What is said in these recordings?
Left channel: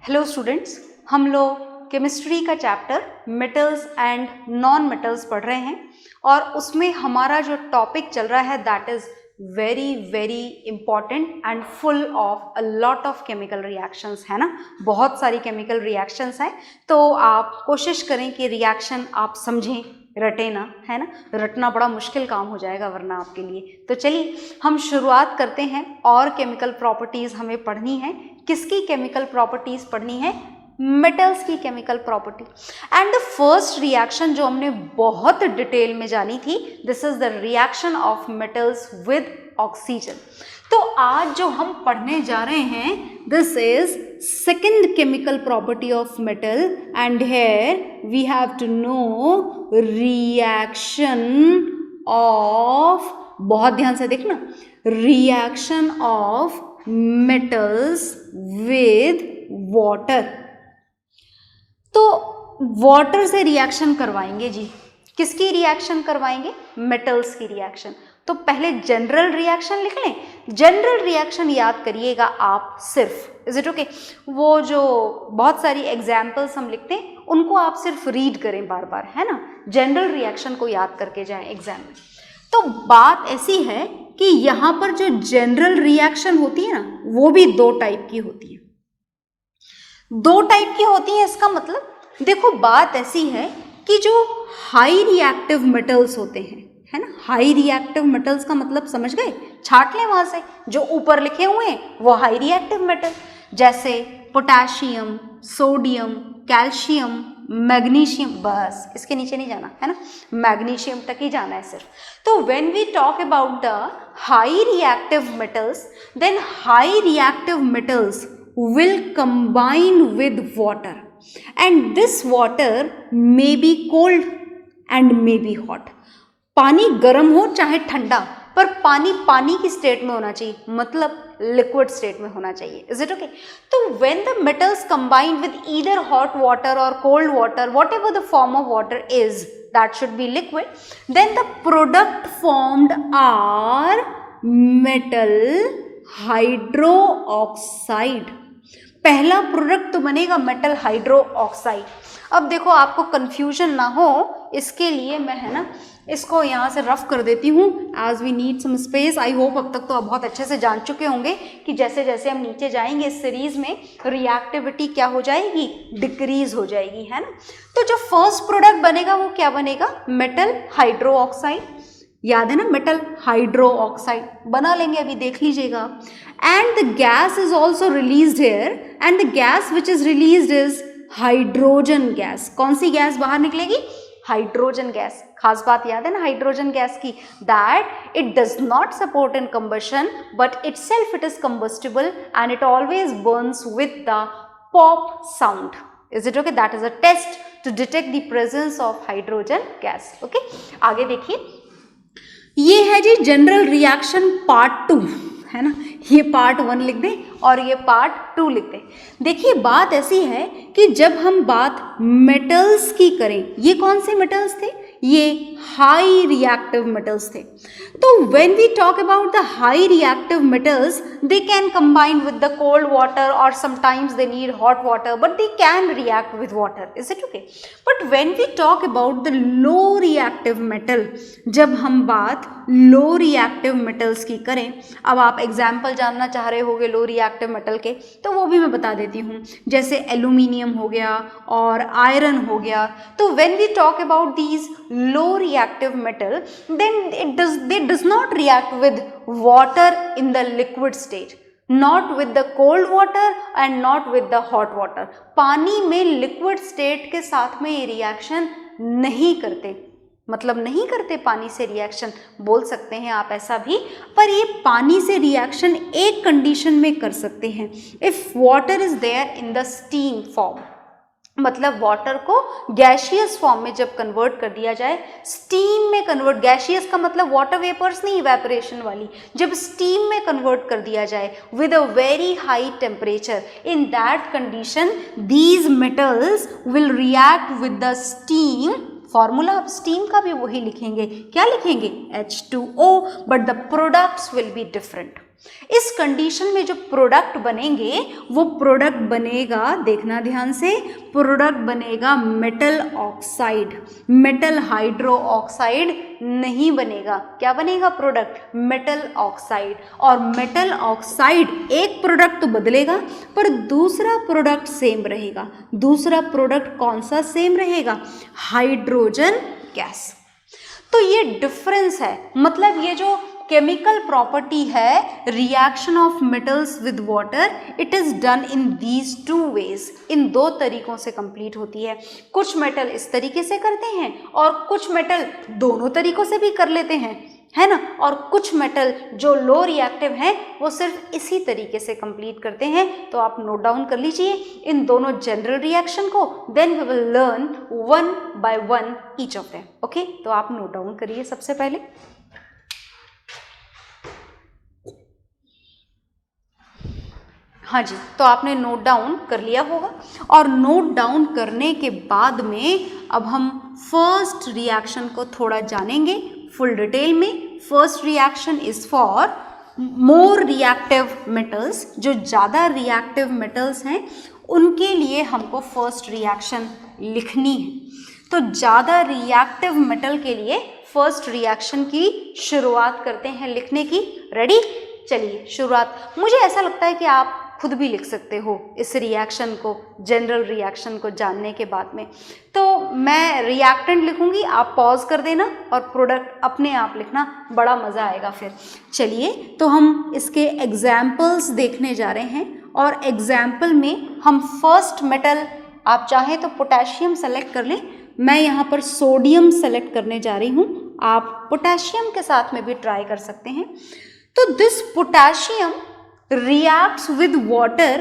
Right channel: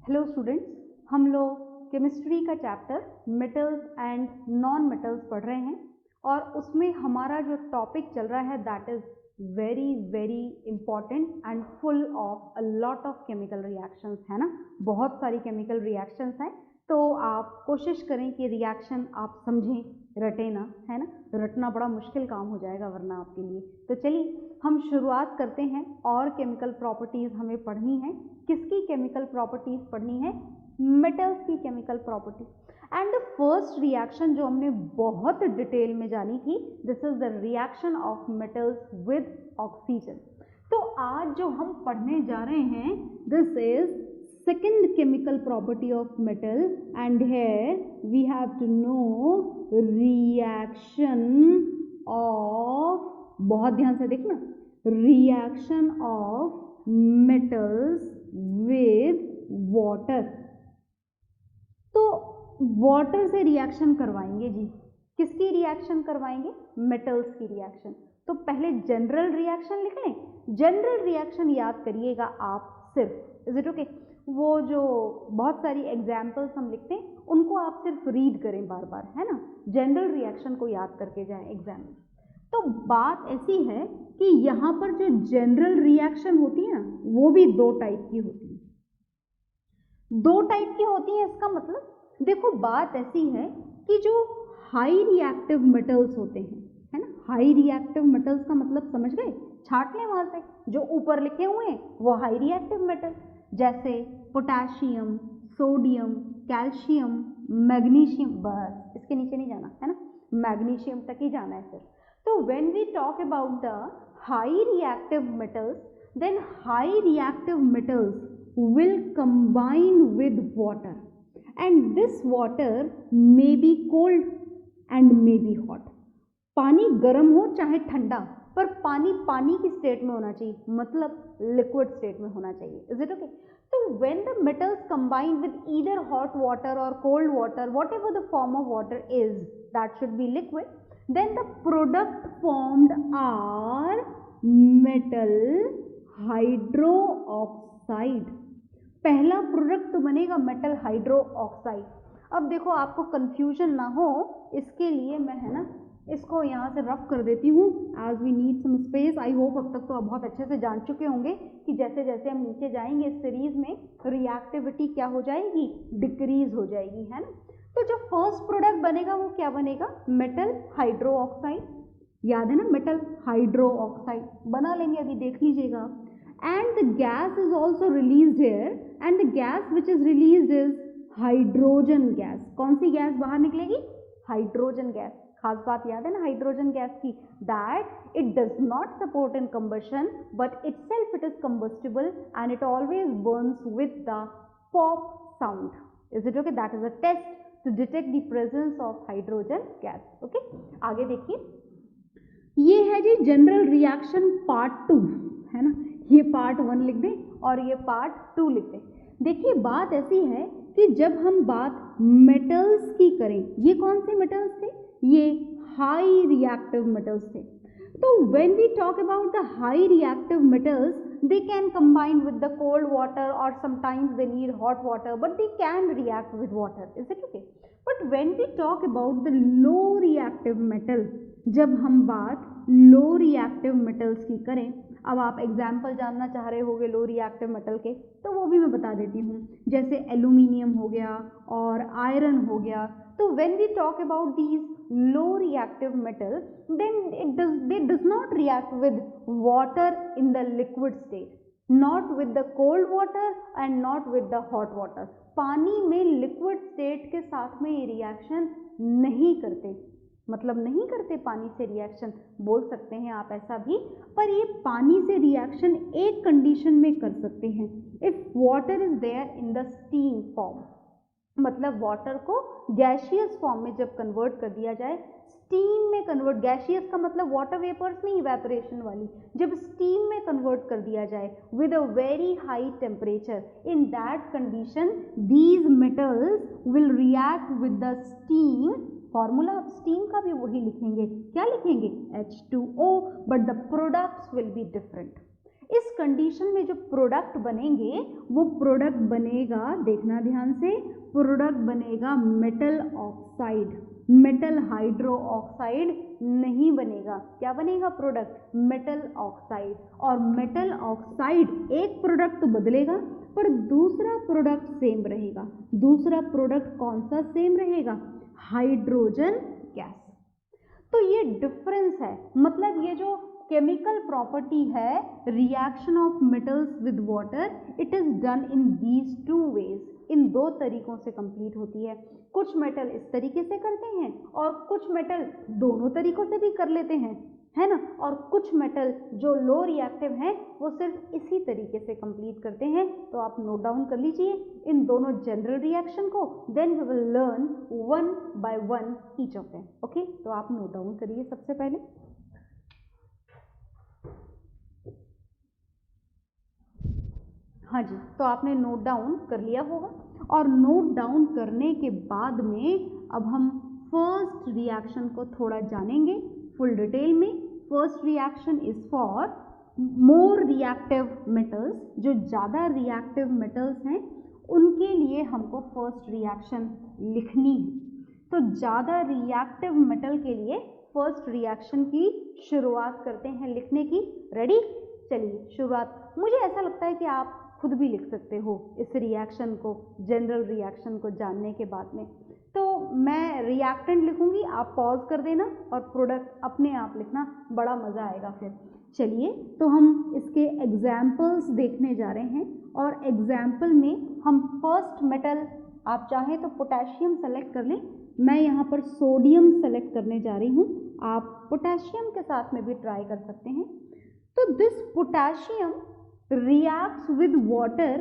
Hello students, हम लोग chemistry का chapter metals and non metals पढ़ रहे हैं और उसमें हमारा जो टॉपिक चल रहा है that is very very important and full of a lot of chemical reactions, है ना। बहुत सारी केमिकल रिएक्शंस हैं, तो आप कोशिश करें कि रिएक्शन आप समझें, रटे ना, है ना। रटना बड़ा मुश्किल काम हो जाएगा वरना आपके लिए। तो चलिए हम शुरुआत करते हैं। और केमिकल प्रॉपर्टीज़ हमें पढ़नी है। किसकी केमिकल प्रॉपर्टीज़ पढ़नी है? मेटल्स की chemical property. And the first reaction जो हमने बहुत डिटेल में जानी थी, this is the reaction of metals with oxygen. तो आज जो हम पढ़ने जा रहे हैं, this is second chemical property of metal and here we have to know reaction of, बहुत ध्यान से देखना, reaction of metals with water. तो वाटर से रिएक्शन करवाएंगे जी। किसकी रिएक्शन करवाएंगे? मेटल्स की रिएक्शन। तो पहले जनरल रिएक्शन लिख लें। जनरल रिएक्शन याद करिएगा आप सिर्फ, इज इट ओके? वो जो बहुत सारी एग्जाम्पल्स हम लिखते हैं उनको आप सिर्फ रीड करें बार बार, है ना। जनरल रिएक्शन को याद करके जाएं एग्जाम में। तो बात ऐसी है कि यहाँ पर जो जनरल रिएक्शन होती है ना, वो भी दो टाइप की होती है। दो टाइप की होती है, इसका मतलब देखो बात ऐसी है कि जो हाई रिएक्टिव मेटल्स होते हैं, है ना, हाई रिएक्टिव मेटल्स का मतलब समझ गए? छाट लें वहां से, जो ऊपर लिखे हुए हैं वो हाई रिएक्टिव मेटल, जैसे पोटेशियम, सोडियम, कैल्शियम, मैग्नीशियम, बस इसके नीचे नहीं जाना, है ना, मैग्नीशियम तक ही जाना है सिर्फ। तो when we talk about the high reactive metals, then high reactive metals will combine with water and this water may be cold and may be hot. पानी गर्म हो चाहे ठंडा, पर पानी पानी की स्टेट में होना चाहिए, मतलब लिक्विड स्टेट में होना चाहिए। Is it okay? तो when the metals combine with either hot water और cold water, whatever the form of water is, that should be liquid, then the product formed are metal hydro oxide. पहला product तो बनेगा metal hydro oxide. अब देखो आपको confusion ना हो इसके लिए मैं, है ना, इसको यहाँ से रफ कर देती हूँ as we need some space. I hope अब तक तो आप बहुत अच्छे से जान चुके होंगे कि जैसे जैसे हम नीचे जाएंगे इस सीरीज में रिएक्टिविटी क्या हो जाएगी? डिक्रीज हो जाएगी, है ना। तो जो फर्स्ट प्रोडक्ट बनेगा वो क्या बनेगा? Metal hydro oxide. याद है ना, मेटल हाइड्रो ऑक्साइड बना लेंगे, अभी देख लीजिएगा। And the gas is also released here and the gas which is released is hydrogen gas. कौन सी गैस बाहर निकलेगी? Hydrogen gas. खास बात याद है ना हाइड्रोजन गैस की, that it does not support in combustion but itself it is combustible and it always burns with the pop sound. Is it okay? That is a test to detect the presence of hydrogen gas. Okay, आगे देखिए, ये है जी general reaction part 2, है ना। ये part 1 लिख दें और ये पार्ट 2 लिख दें। देखिए बात ऐसी है कि जब हम बात मेटल्स की करें, ये कौन से मेटल्स थे? ये हाई रिएक्टिव मेटल्स थे। तो when we talk about the high reactive metals, they can combine with the cold water और sometimes they need hot water, but they can react with water. Is it okay? But when we talk about the low reactive metal, जब हम बात low reactive metals की करें, अब आप example जानना चाह रहे होगे लो रिएक्टिव मेटल के, तो वो भी मैं बता देती हूँ। जैसे एल्यूमिनियम हो गया और आयरन हो गया। तो when we talk about these low reactive metal, then they does not react with water in the liquid state, not with the cold water and not with the hot water. पानी में liquid state के साथ में ये reaction नहीं करते, मतलब नहीं करते पानी से रिएक्शन, बोल सकते हैं आप ऐसा भी। पर ये पानी से रिएक्शन एक कंडीशन में कर सकते हैं, if water is there in the steam form, मतलब वाटर को गैशियस फॉर्म में जब कन्वर्ट कर दिया जाए, स्टीम में कन्वर्ट, गैशियस का मतलब वाटर वेपर्स नहीं, इवेपोरेशन वाली, जब स्टीम में कन्वर्ट कर दिया जाए with a very high temperature, in that condition these metals will react with the steam. Formula आप स्टीम का भी वही लिखेंगे, क्या लिखेंगे? H2O, but the products will be different. इस कंडीशन में जो प्रोडक्ट बनेंगे वो प्रोडक्ट बनेगा, देखना ध्यान से, प्रोडक्ट बनेगा metal oxide, metal hydro oxide नहीं बनेगा। क्या बनेगा प्रोडक्ट? Metal oxide. और मेटल ऑक्साइड एक प्रोडक्ट तो बदलेगा पर दूसरा प्रोडक्ट सेम रहेगा। दूसरा प्रोडक्ट कौन सा सेम रहेगा? Hydrogen gas. तो ये डिफरेंस है, मतलब ये जो केमिकल प्रॉपर्टी है reaction of metals with water, it is done in these two ways, इन दो तरीकों से कंप्लीट होती है। कुछ मेटल इस तरीके से करते हैं और कुछ मेटल दोनों तरीकों से भी कर लेते हैं, है ना। और कुछ मेटल जो लो रिएक्टिव हैं वो सिर्फ इसी तरीके से कंप्लीट करते हैं। तो आप नोट डाउन कर लीजिए इन दोनों जनरल रिएक्शन को, then we will learn one by one each of them. Okay, तो आप नोट डाउन करिए सबसे पहले। हाँ जी, तो आपने नोट डाउन कर लिया होगा। और नोट डाउन करने के बाद में अब हम फर्स्ट रिएक्शन को थोड़ा जानेंगे फुल डिटेल में। First reaction is for more reactive metals, जो ज़्यादा रिएक्टिव मेटल्स हैं उनके लिए हमको फर्स्ट रिएक्शन लिखनी है। तो ज़्यादा रिएक्टिव मेटल के लिए फर्स्ट रिएक्शन की शुरुआत करते हैं लिखने की। रेडी? चलिए शुरुआत। मुझे ऐसा लगता है कि आप खुद भी लिख सकते हो इस रिएक्शन को, जनरल रिएक्शन को जानने के बाद में। तो मैं रिएक्टेंट लिखूंगी, आप पॉज कर देना और प्रोडक्ट अपने आप लिखना, बड़ा मज़ा आएगा फिर। चलिए तो हम इसके एग्जाम्पल्स देखने जा रहे हैं और एग्जाम्पल में हम फर्स्ट मेटल, आप चाहें तो पोटेशियम सेलेक्ट कर लें, मैं यहाँ पर सोडियम सेलेक्ट करने जा रही हूँ, आप पोटेशियम के साथ में भी ट्राई कर सकते हैं। तो this potassium reacts with water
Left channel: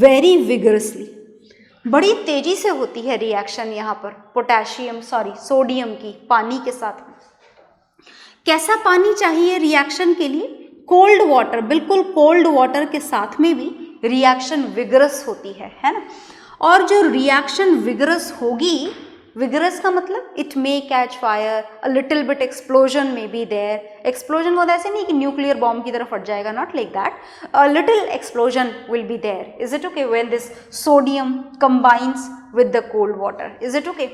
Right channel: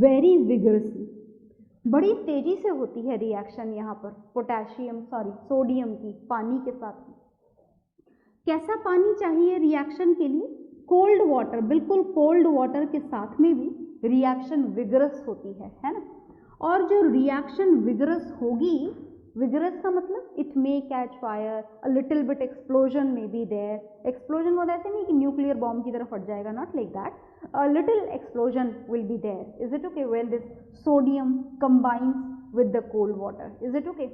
very vigorously, बड़ी तेजी से होती है रिएक्शन यहाँ पर सोडियम की पानी के साथ में। कैसा पानी चाहिए रिएक्शन के लिए? कोल्ड वाटर, बिल्कुल कोल्ड वाटर के साथ में भी रिएक्शन विगरस होती है ना। और जो रिएक्शन विगरस होगी, विगरस का मतलब it may catch fire, a little bit explosion may be there. Explosion होता है ऐसे नहीं कि न्यूक्लियर बॉम्ब की तरह फट जाएगा, not like that, a little explosion will be there. Is it okay when this sodium combines with the cold water? Is it okay?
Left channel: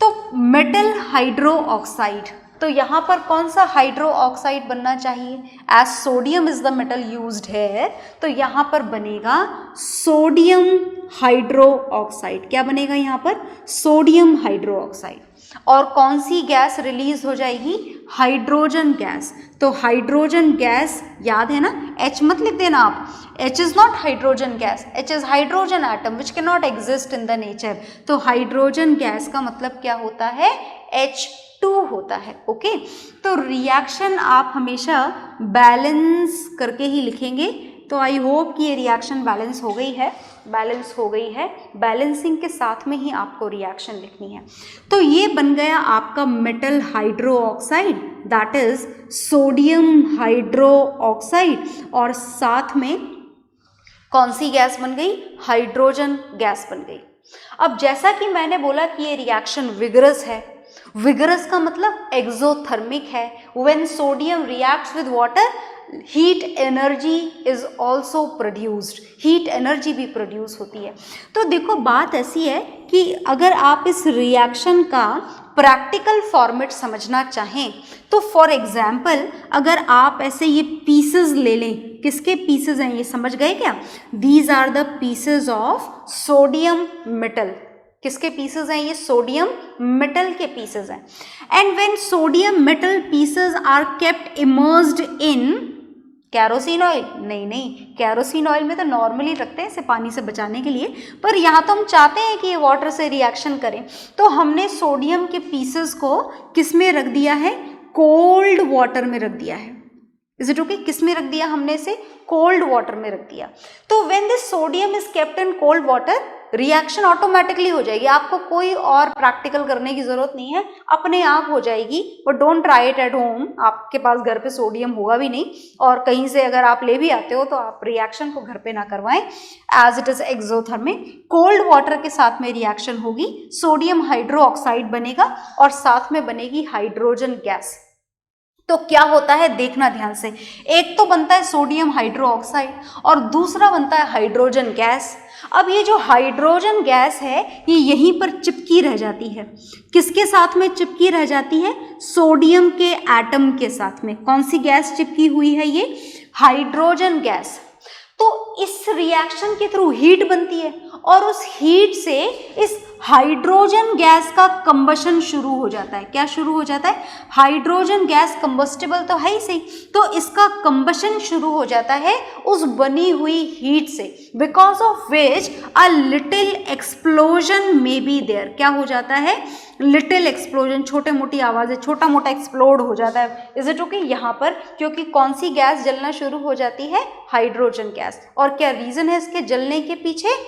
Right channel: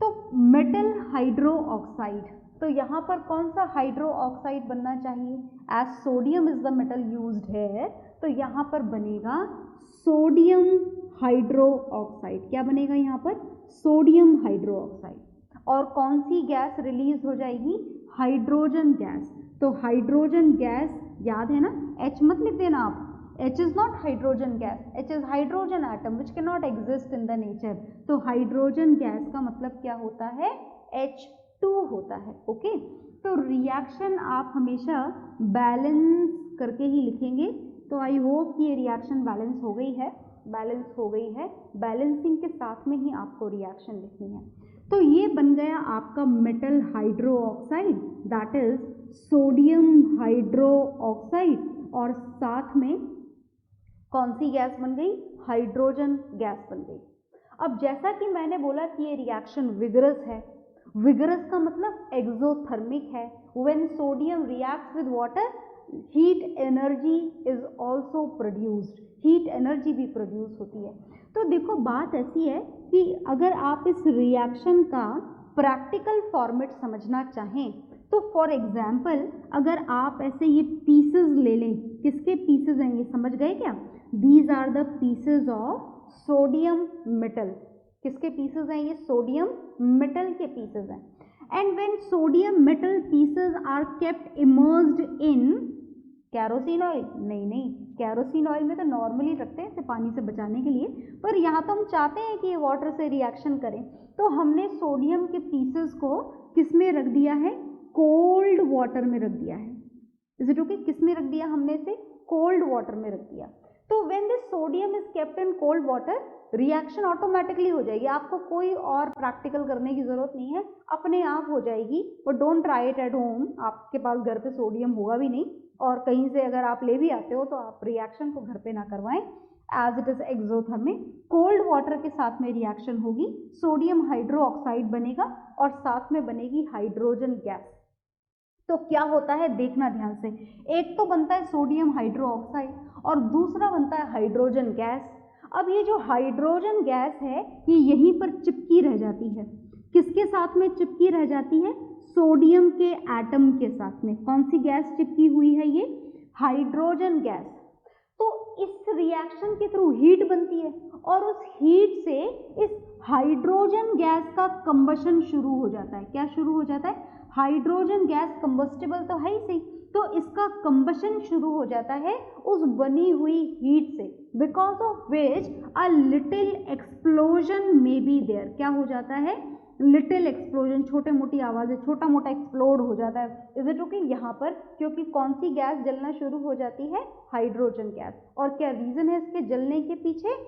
तो मेटल हाइड्रो ऑक्साइड, तो यहाँ पर कौन सा हाइड्रो ऑक्साइड बनना चाहिए? As sodium is the metal used है, तो यहाँ पर बनेगा सोडियम हाइड्रो ऑक्साइड। क्या बनेगा यहाँ पर? Sodium hydro oxide. और कौन सी गैस रिलीज हो जाएगी? Hydrogen gas. तो हाइड्रोजन गैस याद है ना, H मत लिख देना आप, H is not hydrogen gas, H is hydrogen atom which can not exist in the nature. तो हाइड्रोजन गैस का मतलब क्या होता है? H2 होता है। ओके, तो रिएक्शन आप हमेशा बैलेंस करके ही लिखेंगे। तो आई होप कि ये रिएक्शन बैलेंस हो गई है, बैलेंसिंग के साथ में ही आपको रिएक्शन लिखनी है। तो ये बन गया आपका metal hydro oxide, that is sodium hydro oxide, और साथ में कौन सी गैस बन गई? हाइड्रोजन गैस बन गई। अब जैसा कि मैंने बोला कि ये रिएक्शन विगरस है, विगरस का मतलब एक्सोथर्मिक है। When sodium reacts with water, heat energy is also produced, heat energy भी प्रोड्यूस होती है। तो देखो बात ऐसी है कि अगर आप इस रिएक्शन का प्रैक्टिकल फॉर्मेट समझना चाहें तो फॉर एग्जाम्पल अगर आप ऐसे ये पीसेस ले लें, किसके पीसेस हैं ये समझ गए क्या? These are the pieces of sodium metal. किसके पीसेस हैं ये? सोडियम मेटल के पीसेस हैं। And when sodium metal pieces are kept immersed in kerosene oil, नहीं, कैरोसिन ऑयल में तो नॉर्मली रखते हैं इसे पानी से बचाने के लिए, पर यहाँ तो हम चाहते हैं कि ये वाटर से रिएक्शन करें, तो हमने सोडियम के पीसेस को किस में रख दिया है? कोल्ड वाटर में रख दिया है। Is it okay? किस में रख दिया हमने इसे? कोल्ड वाटर में रख दिया। तो when this sodium is kept in cold water, reaction automatically हो जाएगी, आपको कोई और प्रैक्टिकल करने की जरूरत नहीं है, अपने आप हो जाएगी। But don't try it at home, आपके पास घर पे सोडियम होगा भी नहीं, और कहीं से अगर आप ले भी आते हो तो आप रिएक्शन को घर पे ना करवाएं, as it is exothermic. Cold water के साथ में रिएक्शन होगी, सोडियम हाइड्रो ऑक्साइड बनेगा और साथ में बनेगी हाइड्रोजन गैस। तो क्या होता है देखना ध्यान से, एक तो बनता है सोडियम हाइड्रोक्साइड और दूसरा बनता है हाइड्रोजन गैस। अब ये जो हाइड्रोजन गैस है ये यहीं पर चिपकी रह जाती है, किसके साथ में चिपकी रह जाती है, सोडियम के एटम के साथ में। कौन सी गैस चिपकी हुई है, ये हाइड्रोजन गैस। तो इस रिएक्शन के थ्रू हीट बनती है और उस हीट से इस हाइड्रोजन गैस का कंबशन शुरू हो जाता है। क्या शुरू हो जाता है, हाइड्रोजन गैस कंबस्टिबल तो है ही सही, तो इसका कंबशन शुरू हो जाता है उस बनी हुई हीट से, because of which a little explosion may be there. क्या हो जाता है, लिटिल एक्सप्लोजन, छोटे मोटी आवाज़ें, छोटा मोटा एक्सप्लोड हो जाता है। इज इट ओके, यहाँ पर क्योंकि कौन सी गैस जलना शुरू हो जाती है, हाइड्रोजन गैस। और क्या रीजन है इसके जलने के पीछे,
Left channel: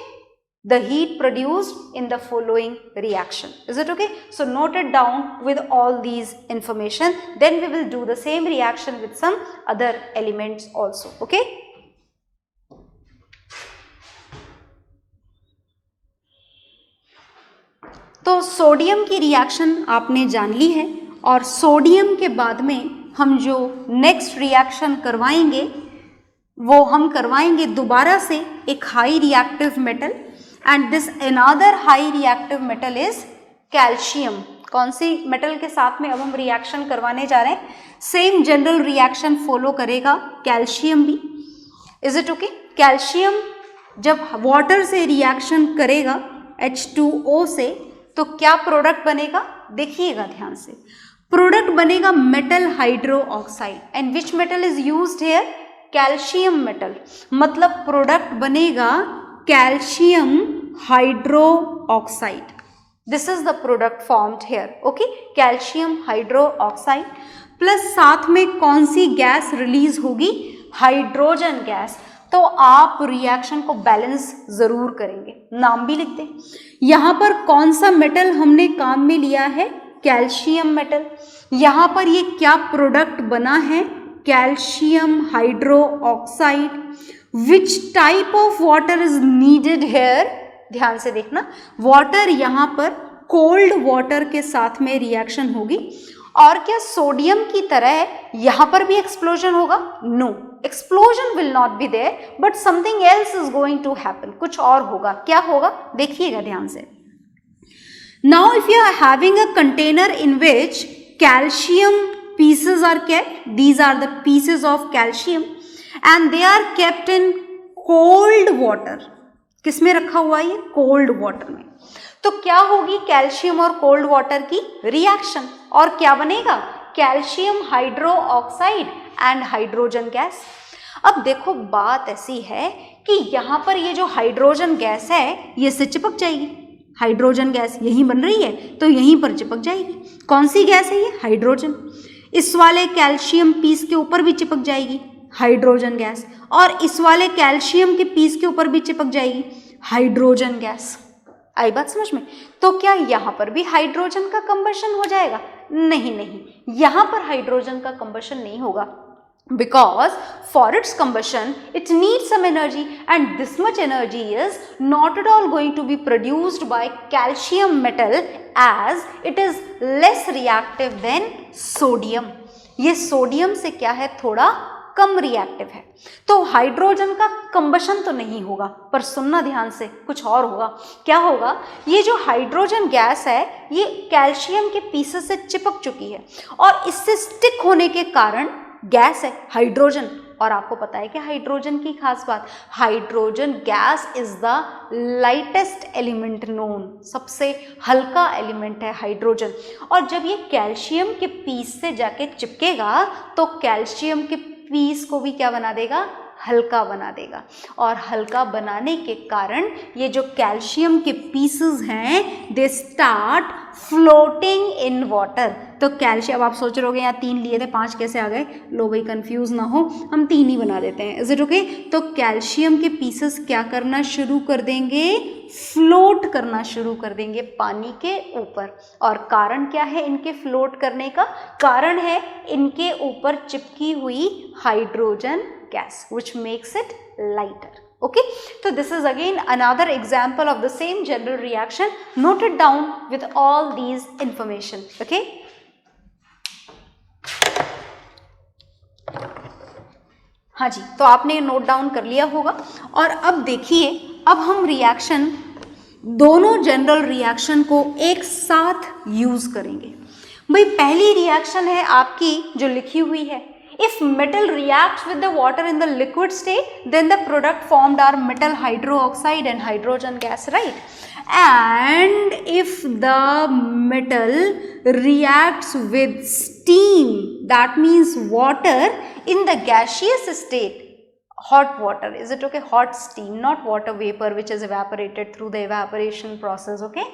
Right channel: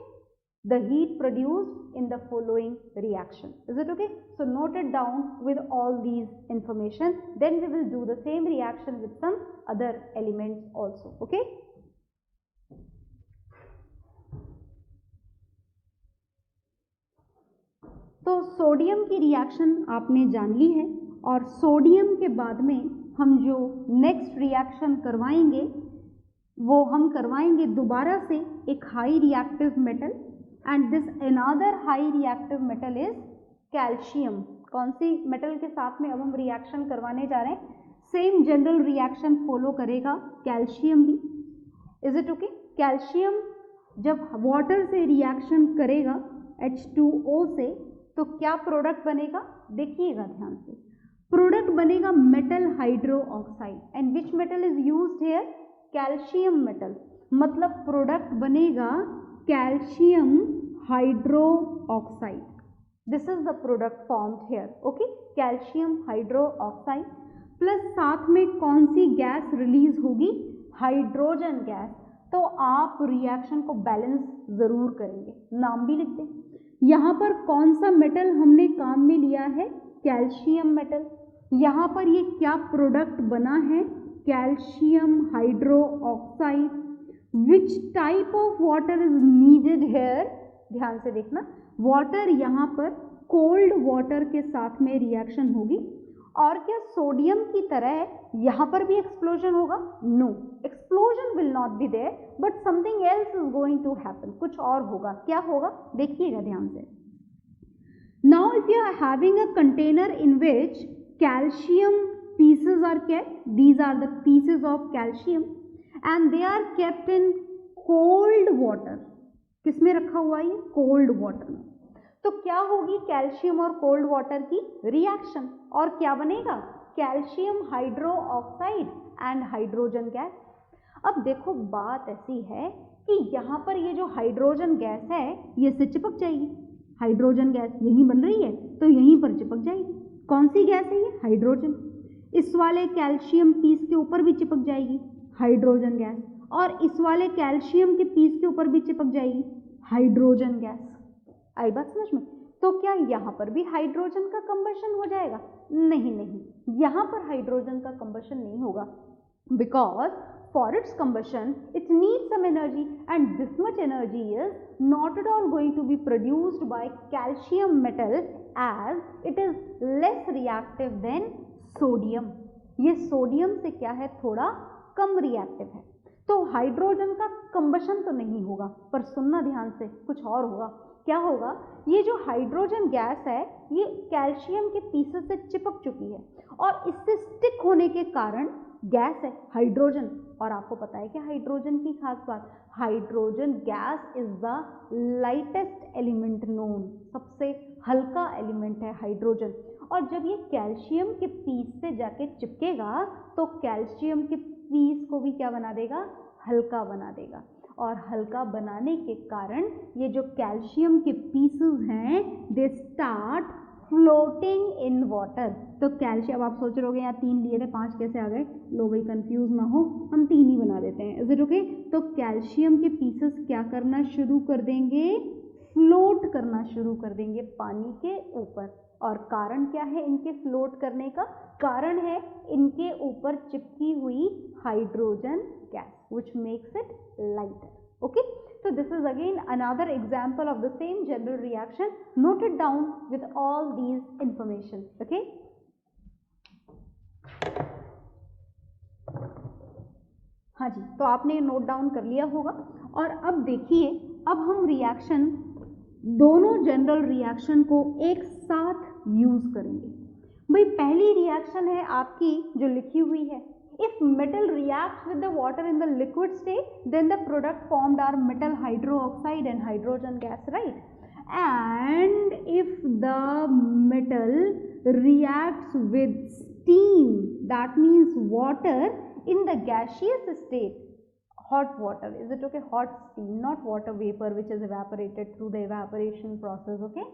the heat produced in the following reaction. Is it okay? So note it down with all these information, then we will do the same reaction with some other elements also. Okay? तो sodium की reaction आपने जान ली है और sodium के बाद में हम जो नेक्स्ट रिएक्शन करवाएंगे वो हम करवाएंगे दोबारा से एक high reactive metal, and this another high reactive metal is calcium। कौन सी मेटल के साथ में अब हम रिएक्शन करवाने जा रहे हैं, सेम जनरल रिएक्शन फॉलो करेगा कैल्शियम भी। इज इट ओके, कैल्शियम जब वाटर से रिएक्शन करेगा H2O से तो क्या प्रोडक्ट बनेगा, देखिएगा ध्यान से, प्रोडक्ट बनेगा metal hydro oxide. And which metal is used here, calcium metal, मतलब प्रोडक्ट बनेगा calcium hydroxide. This is the product formed here. Okay, calcium hydroxide plus साथ में कौन सी गैस रिलीज होगी, हाइड्रोजन गैस। तो आप रिएक्शन को बैलेंस जरूर करेंगे, नाम भी लिख दें। यहाँ पर कौन सा मेटल हमने काम में लिया है, कैल्शियम मेटल। यहाँ पर ये क्या प्रोडक्ट बना है, calcium hydroxide. Which type of water is needed here? ध्यान से देखना, वाटर यहाँ पर कोल्ड वाटर के साथ में रिएक्शन होगी। और क्या सोडियम की तरह यहाँ पर भी एक्सप्लोजन होगा, no, explosion will not be there, but something else is going to happen, कुछ और होगा। क्या होगा, देखिएगा ध्यान से। Now if you are having a container in which calcium pieces are kept, these are the pieces of calcium and they are kept in cold water। किस में रखा हुआ है ये, कोल्ड वाटर में। तो क्या होगी कैल्शियम और कोल्ड वाटर की रिएक्शन, और क्या बनेगा, calcium hydroxide and hydrogen gas. अब देखो बात ऐसी है कि यहाँ पर ये जो हाइड्रोजन गैस है ये से चिपक जाएगी, हाइड्रोजन गैस यहीं बन रही है तो यहीं पर चिपक जाएगी। कौन सी गैस है ये, हाइड्रोजन। इस वाले कैल्शियम पीस के ऊपर भी चिपक जाएगी, हाइड्रोजन गैस, और इस वाले कैल्शियम के पीस के ऊपर भी चिपक जाएगी, हाइड्रोजन गैस। आई बात समझ में। तो क्या यहाँ पर भी हाइड्रोजन का कंबशन हो जाएगा, नहीं नहीं, यहाँ पर हाइड्रोजन का कंबशन नहीं होगा, because for its combustion it needs some energy and this much energy is not at all going to be produced by calcium metal as it is less reactive than sodium। ये sodium से क्या है, थोड़ा कम reactive है, तो hydrogen का combustion तो नहीं होगा, पर सुनना ध्यान से, कुछ और होगा। क्या होगा, ये जो हाइड्रोजन गैस है ये कैल्शियम के पीसेस से चिपक चुकी है और इससे स्टिक होने के कारण गैस है हाइड्रोजन। और आपको पता है कि हाइड्रोजन की खास बात, hydrogen gas is the lightest element known, सबसे हल्का एलिमेंट है हाइड्रोजन। और जब ये कैल्शियम के पीस से जाके चिपकेगा तो कैल्शियम के पीस को भी क्या बना देगा, हल्का बना देगा, और हल्का बनाने के कारण ये जो कैल्शियम के पीसेस हैं they start floating in water. तो कैल्शियम, अब आप सोच रहे होगे यहाँ 3 लिए थे 5 कैसे आ गए, लो भाई कंफ्यूज ना हो, हम 3 ही बना देते हैं। Is it okay. तो कैल्शियम के पीसेस क्या करना शुरू कर देंगे, फ्लोट करना शुरू कर देंगे पानी के ऊपर। और कारण क्या है इनके फ्लोट करने का, कारण है इनके ऊपर चिपकी हुई hydrogen gas which makes it lighter। Okay, so this is again another example of the same general reaction. Note it down with all these information। Okay, हाँ जी, तो आपने नोट डाउन कर लिया होगा। और अब देखिए, अब हम रिएक्शन, दोनों जनरल रिएक्शन को एक साथ यूज करेंगे। भाई पहली रिएक्शन है आपकी जो लिखी हुई है, if metal reacts with the water in the liquid state, then the product formed are metal hydroxide and hydrogen gas, right? And if the metal reacts with steam, that means water in the gaseous state, hot water, is it okay? Hot steam, not water vapor which is evaporated through the evaporation process, okay?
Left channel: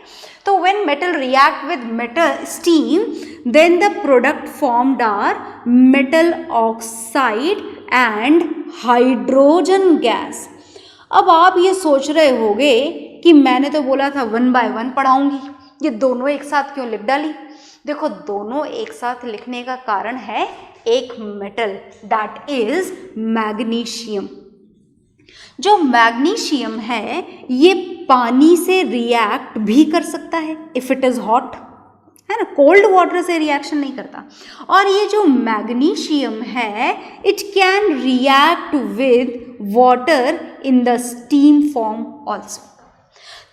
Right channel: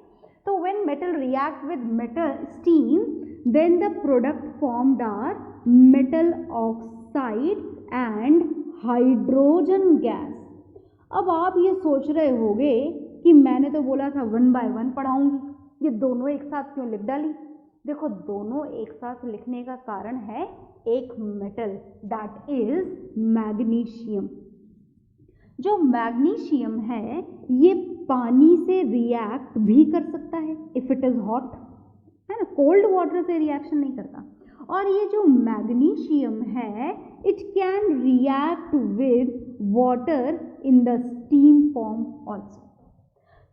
So when metal react with metal steam, then the product formed are metal oxide and hydrogen gas. अब आप ये सोच रहे होंगे कि मैंने तो बोला था 1 by 1 पढ़ाऊंगी, ये दोनों एक साथ क्यों लिख डाली? देखो, दोनों एक साथ लिखने का कारण है एक मेटल, दैट इज मैग्नीशियम। जो मैग्नीशियम है ये पानी से रिएक्ट भी कर सकता है इफ इट इज हॉट, है ना, कोल्ड वाटर से रिएक्शन नहीं करता। और ये जो मैग्नीशियम है it can react with water in the steam form also.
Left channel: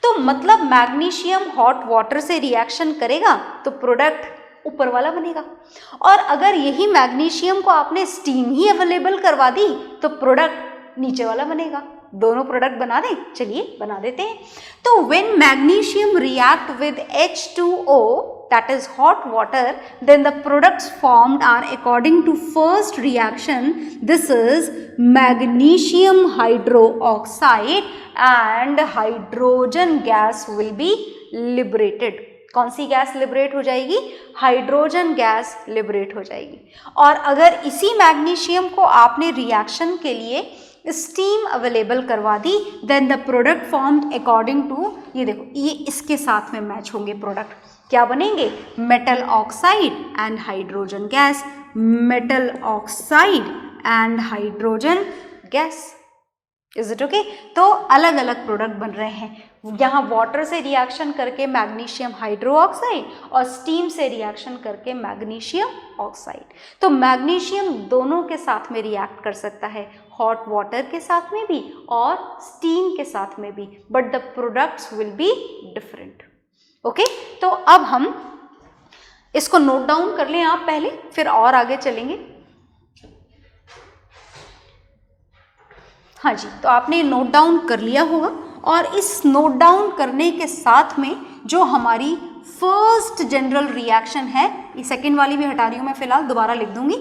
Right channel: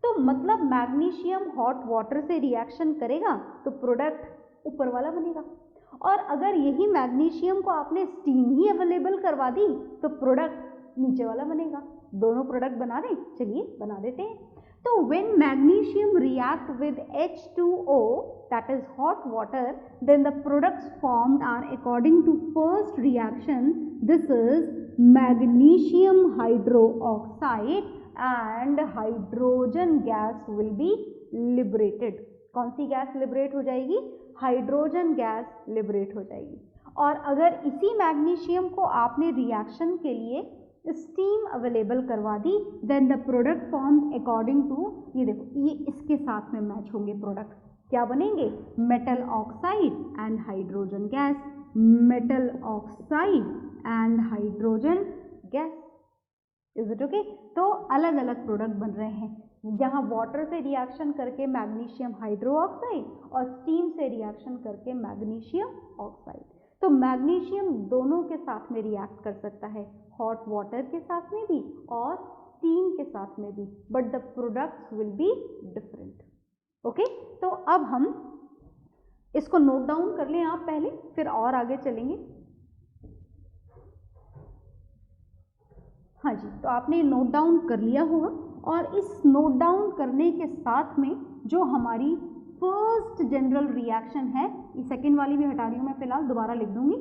तो मतलब मैग्नीशियम हॉट वाटर से रिएक्शन करेगा तो प्रोडक्ट ऊपर वाला बनेगा, और अगर यही मैग्नीशियम को आपने स्टीम ही अवेलेबल करवा दी तो प्रोडक्ट नीचे वाला बनेगा। दोनों प्रोडक्ट बना दें, चलिए बना देते हैं। तो when magnesium react with H2O, that is hot water, then the products formed are according to first reaction, this is magnesium hydroxide and hydrogen gas will be liberated। कौन सी गैस लिबरेट हो जाएगी? हाइड्रोजन गैस लिबरेट हो जाएगी। और अगर इसी magnesium को आपने रिएक्शन के लिए स्टीम अवेलेबल करवा दी, then the product formed according to, ये देखो ये इसके साथ में मैच होंगे प्रोडक्ट, क्या बनेंगे? Metal oxide and hydrogen gas, metal oxide and hydrogen gas. Is it okay? तो अलग अलग प्रोडक्ट बन रहे हैं, यहाँ वाटर से रिएक्शन करके मैग्नीशियम हाइड्रोक्साइड और स्टीम से रिएक्शन करके मैग्नीशियम ऑक्साइड। तो मैग्नीशियम दोनों के साथ में रिएक्ट कर सकता है, हॉट वाटर के साथ में भी और स्टीम के साथ में भी, but the products will be different. Okay, तो अब हम इसको नोट डाउन कर लें आप पहले, फिर और आगे चलेंगे। हाँ जी, तो आपने नोट डाउन कर लिया होगा, और इस नोट डाउन करने के साथ में जो हमारी फर्स्ट जनरल रिएक्शन है, ये सेकेंड वाली भी हटा रही हूँ मैं फिलहाल, दोबारा लिख दूंगी,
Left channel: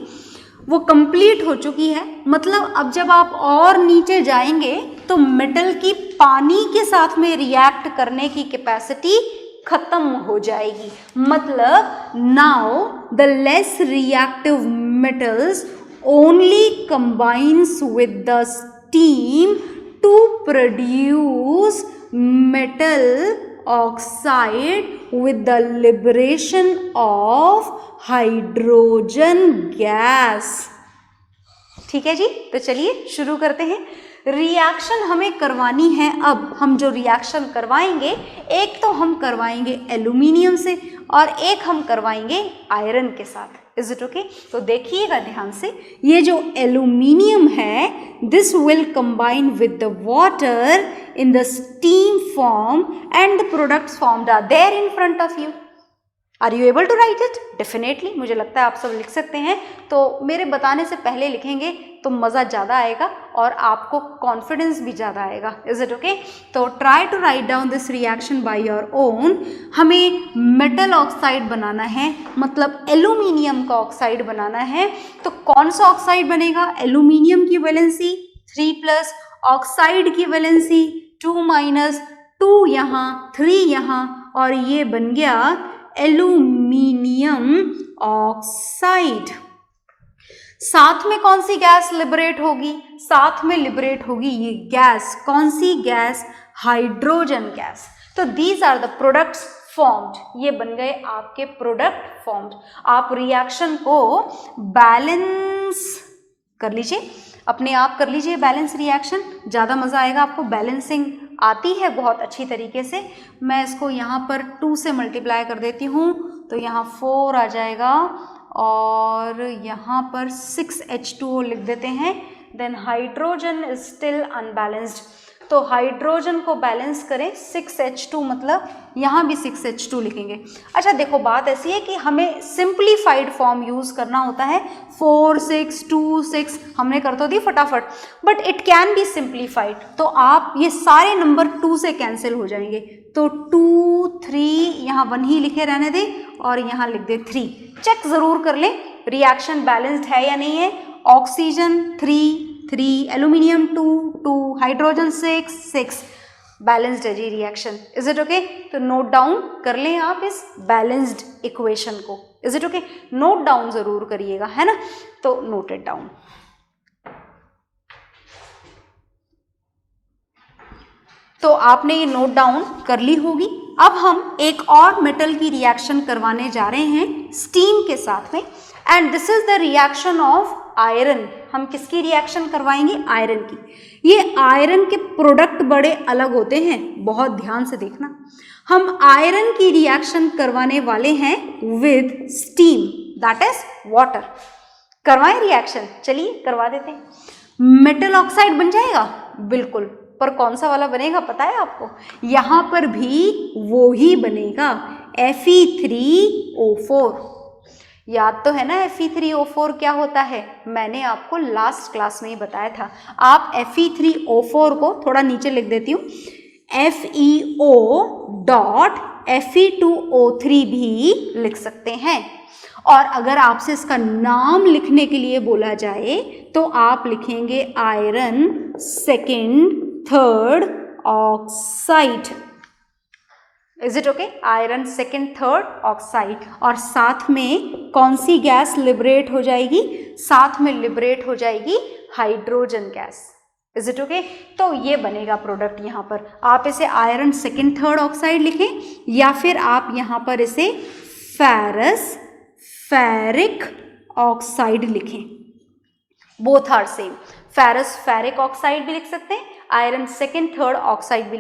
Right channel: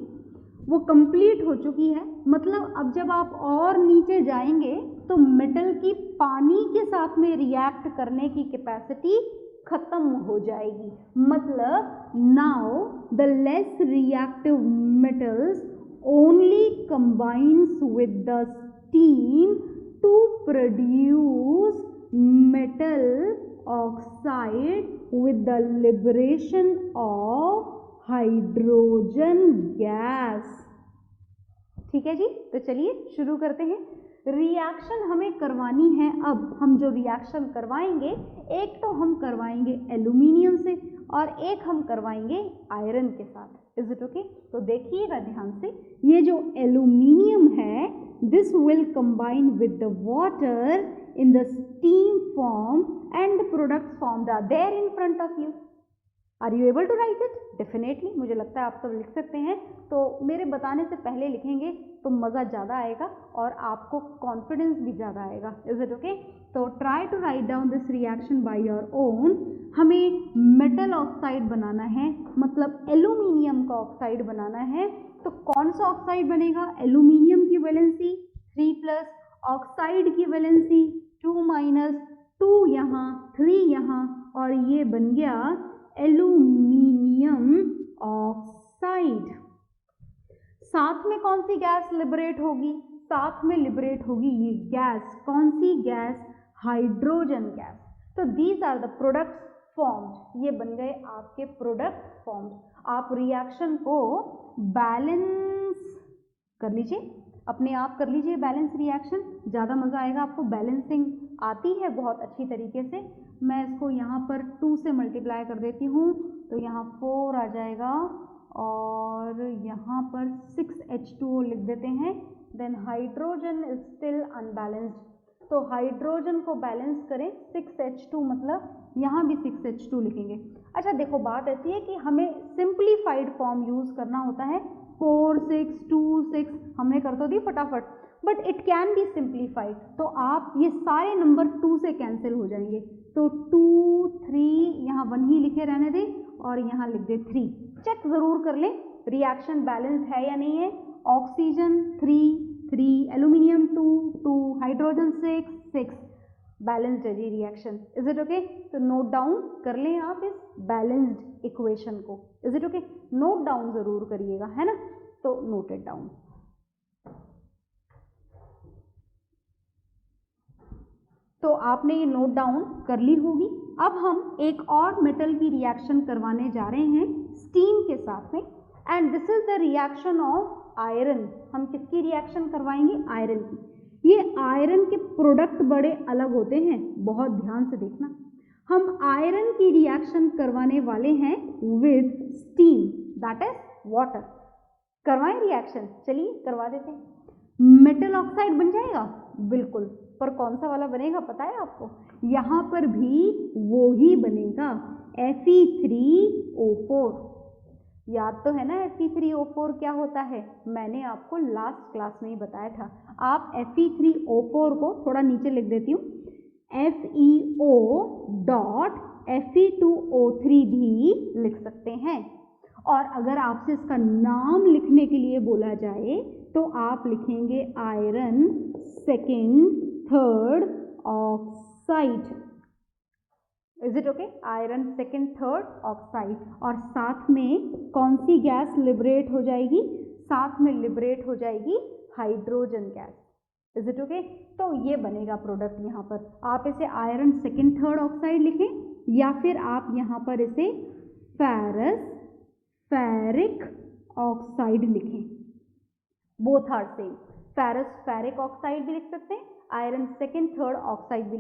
वो कंप्लीट हो चुकी है। मतलब अब जब आप और नीचे जाएंगे तो मेटल की पानी के साथ में रिएक्ट करने की कैपेसिटी खत्म हो जाएगी। मतलब now the less reactive metals only combines with the steam to produce metal oxide with the liberation of hydrogen gas। ठीक है जी, तो चलिए शुरू करते हैं। रिएक्शन हमें करवानी है, अब हम जो रिएक्शन करवाएंगे, एक तो हम करवाएंगे एल्यूमिनियम से और एक हम करवाएंगे आयरन के साथ। Is it okay? तो देखिएगा ध्यान से, ये जो एल्यूमिनियम है this will combine with the water in the steam form and the products formed are there in front of you. Are you able to write it? Definitely, मुझे लगता है आप सब लिख सकते हैं। तो मेरे बताने से पहले लिखेंगे तो मज़ा ज़्यादा आएगा और आपको कॉन्फिडेंस भी ज़्यादा आएगा। Is it okay? तो try to write down this reaction by your own. हमें मेटल ऑक्साइड बनाना है, मतलब एल्यूमिनियम का ऑक्साइड बनाना है। तो कौन सा ऑक्साइड बनेगा? एल्यूमिनियम की वैलेंसी 3+, ऑक्साइड की वैलेंसी 2-, 2 यहाँ 3 यहाँ, और ये बन गया एल्यूमिनियम ऑक्साइड। साथ में कौन सी गैस लिबरेट होगी? साथ में लिबरेट होगी ये गैस, कौन सी गैस? Hydrogen gas. तो these are the products formed, ये बन गए आपके प्रोडक्ट फॉर्म्ड। आप रिएक्शन को बैलेंस कर लीजिए, अपने आप कर लीजिए बैलेंस रिएक्शन, ज़्यादा मज़ा आएगा आपको। बैलेंसिंग आती है बहुत अच्छी तरीके से। मैं इसको यहाँ पर 2 से मल्टीप्लाई कर देती हूँ, तो यहाँ 4 आ जाएगा और यहाँ पर 6H2O लिख देते हैं, then hydrogen is still unbalanced. तो हाइड्रोजन को बैलेंस करें 6H2, मतलब यहाँ भी 6H2 लिखेंगे। अच्छा देखो, बात ऐसी है कि हमें सिंप्लीफाइड फॉर्म यूज़ करना होता है, 4 6 2 6 हमने कर तो दी फटाफट, but it can be simplified. तो आप ये सारे नंबर 2 से कैंसिल हो जाएंगे, तो 2 3 यहाँ 1 ही लिखे रहने दें और यहाँ लिख दे 3। चेक ज़रूर कर लें रिएक्शन बैलेंस्ड है या नहीं है। ऑक्सीजन 3 3, एल्यूमिनियम 2 2, हाइड्रोजन 6 6, बैलेंस्ड है जी रिएक्शन। Is it okay? तो नोट डाउन कर लें आप इस बैलेंस्ड इक्वेशन को। Is it okay? Note down जरूर करिएगा, है ना? तो नोट इट डाउन। तो आपने ये नोट डाउन कर ली होगी। अब हम एक और मेटल की रिएक्शन करवाने जा रहे हैं स्टीम के साथ में, and this is the reaction of iron. हम किसकी रिएक्शन करवाएंगे? आयरन की। ये आयरन के प्रोडक्ट बड़े अलग होते हैं, बहुत ध्यान से देखना। हम आयरन की रिएक्शन करवाने वाले हैं with steam, that is water. करवाएं रिएक्शन? चलिए करवा देते हैं। मेटल ऑक्साइड बन जाएगा, बिल्कुल, पर कौन सा वाला बनेगा पता है आपको? यहाँ पर भी वो ही बनेगा, Fe3O4। याद तो है ना Fe3O4 क्या होता है? मैंने आपको लास्ट क्लास में ही बताया था। आप Fe3O4 को थोड़ा नीचे लिख देती हूँ, FeO.Fe2O3 भी लिख सकते हैं। और अगर आपसे इसका नाम लिखने के लिए बोला जाए तो आप लिखेंगे iron second third oxide. Is it okay? Iron second third oxide. और साथ में कौन सी गैस लिबरेट हो जाएगी? साथ में लिबरेट हो जाएगी hydrogen gas. Is it okay? तो ये बनेगा प्रोडक्ट। यहाँ पर आप इसे आयरन सेकेंड थर्ड ऑक्साइड लिखें, या फिर आप यहाँ पर इसे फेरस फेरिक ऑक्साइड लिखें। Both are same. Ferrous ferric oxide भी लिख सकते हैं, आयरन सेकेंड थर्ड ऑक्साइड भी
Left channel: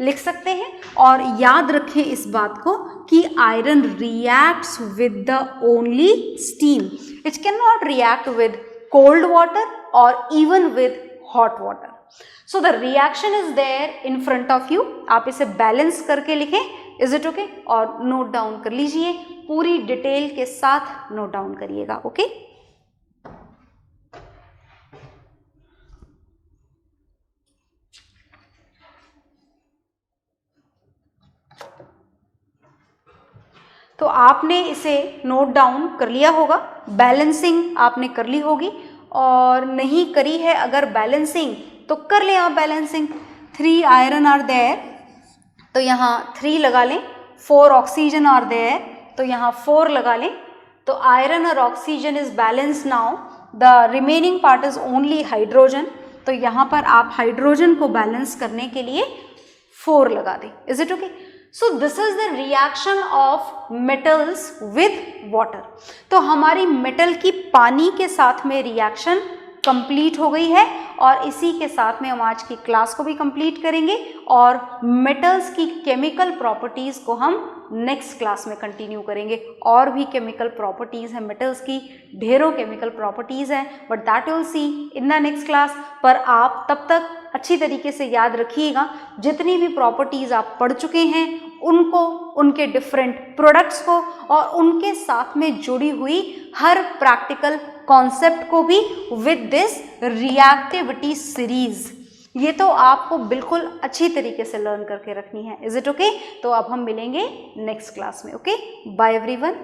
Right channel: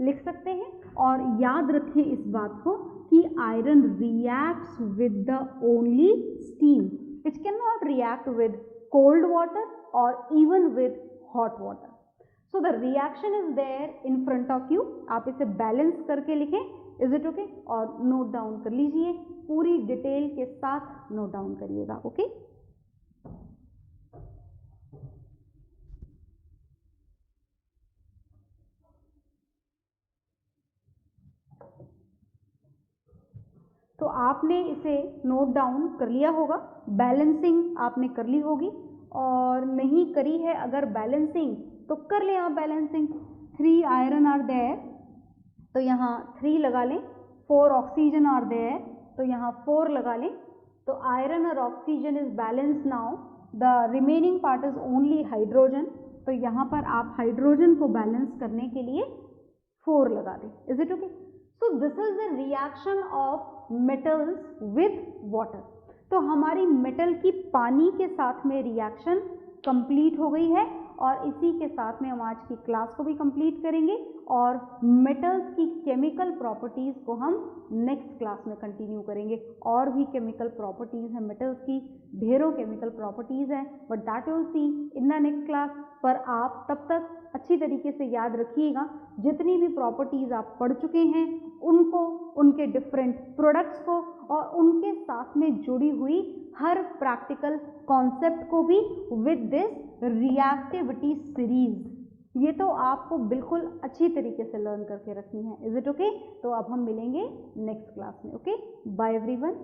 लिख सकते हैं। और याद रखें इस बात को कि iron reacts with the only steam, it can not react with cold water और even with hot water. So the reaction is there in front of you. आप इसे बैलेंस करके लिखें। Is it okay? और नोट डाउन कर लीजिए, पूरी detail के साथ नोट डाउन करिएगा। ओके? तो आपने इसे नोट डाउन कर लिया होगा। बैलेंसिंग आपने कर ली होगी, और नहीं करी है अगर बैलेंसिंग तो कर लें आप बैलेंसिंग। 3 आयरन आर देयर, तो यहाँ 3 लगा लें। 4 ऑक्सीजन आर देयर, तो यहाँ 4 लगा लें। तो आयरन और oxygen is balance now, the remaining part is only hydrogen. तो यहाँ पर आप हाइड्रोजन को बैलेंस करने के लिए 4 लगा दें। Is it okay? So this is the reaction of metals with water. तो हमारी मेटल की पानी के साथ में रिएक्शन कंप्लीट हो गई है, और इसी के साथ में हम आज की क्लास को भी कंप्लीट करेंगे, और मेटल्स की केमिकल प्रॉपर्टीज़ को हम नेक्स्ट क्लास में कंटिन्यू करेंगे। और भी केमिकल प्रॉपर्टीज़ हैं मेटल्स की, ढेरों केमिकल प्रॉपर्टीज़ हैं, but that will see in the next class. पर आप तब तक अच्छी तरीके से याद रखिएगा, जितनी भी प्रॉपर्टीज़ आप पढ़ चुके हैं उनको, उनके डिफरेंट प्रोडक्ट्स को, और उनके साथ में जुड़ी हुई हर प्रैक्टिकल कॉन्सेप्ट को भी विद दिस रिएक्टिविटी सीरीज। ये तो आपको बिल्कुल अच्छी तरीके से लर्न करके रखनी है। Is it okay? तो अब हम मिलेंगे नेक्स्ट क्लास में। Okay, bye everyone.